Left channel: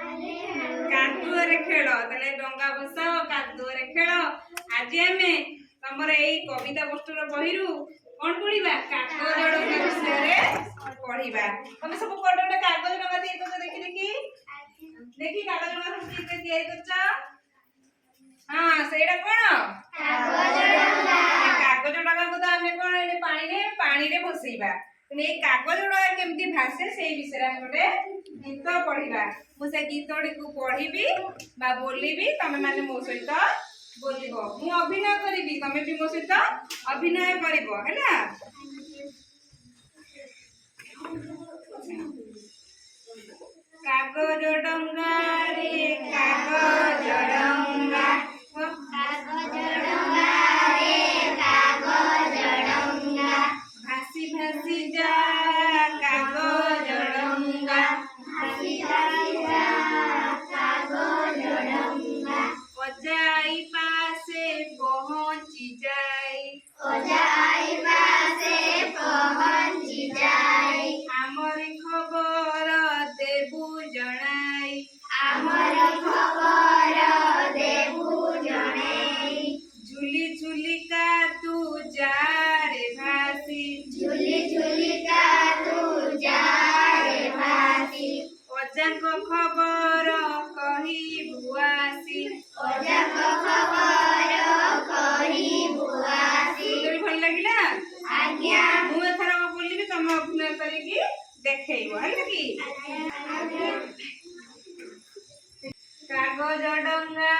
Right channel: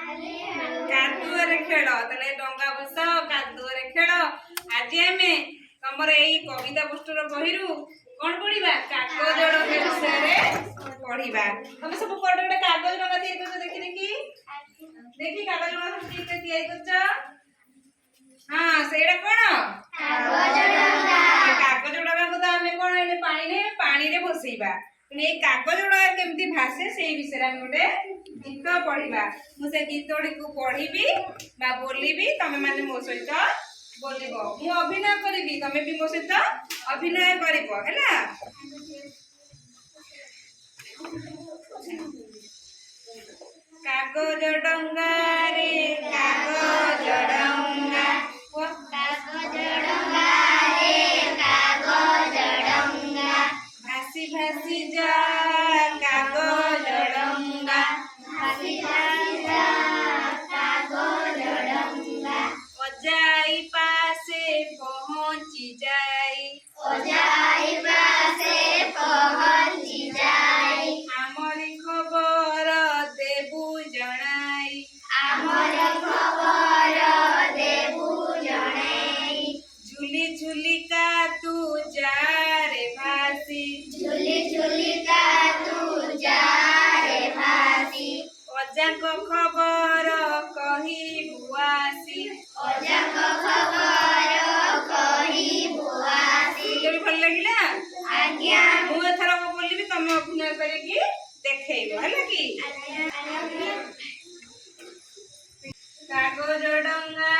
कादुअरे खेल तले डंगा बसाओ कादुअरे खेल आज आमे तमर एई कविता पुस्तक बहिरु कोन पढिबा कागज डंगा विषय रे पढिबा तमे सब कोड कोड कागज डंगा तयार करछ देखि देखि देखि कागज डंगा सब ठीक से तयार करछ हां सेडा कोन कागज डंगा को त आमे कोन एले पानी रे बसैबा ए कागज डंगा केमती भाषे से विषय रे गोटे गीत पढ़िबा मु से गीतडी को पढ़िबी बा बोलिबी तमे माने मो सहित बोलिबो मु अभिनय करिबी तमे भी मो सहित अभिनय करिबो हैला कागज डंगा रे कागज डंगा भासी भासी जा कागज डंगा ओजाई पासे पहुंची जाई हमरी खबर देबू जणाई झुली झुली का तू जा रे भासी ओजाको खबर कही बुआसी तोरी भल लागिला आज्ञा मु एथरा बोलिबी तमे अभिनय करिकी देखैबो हैला की कागज डंगा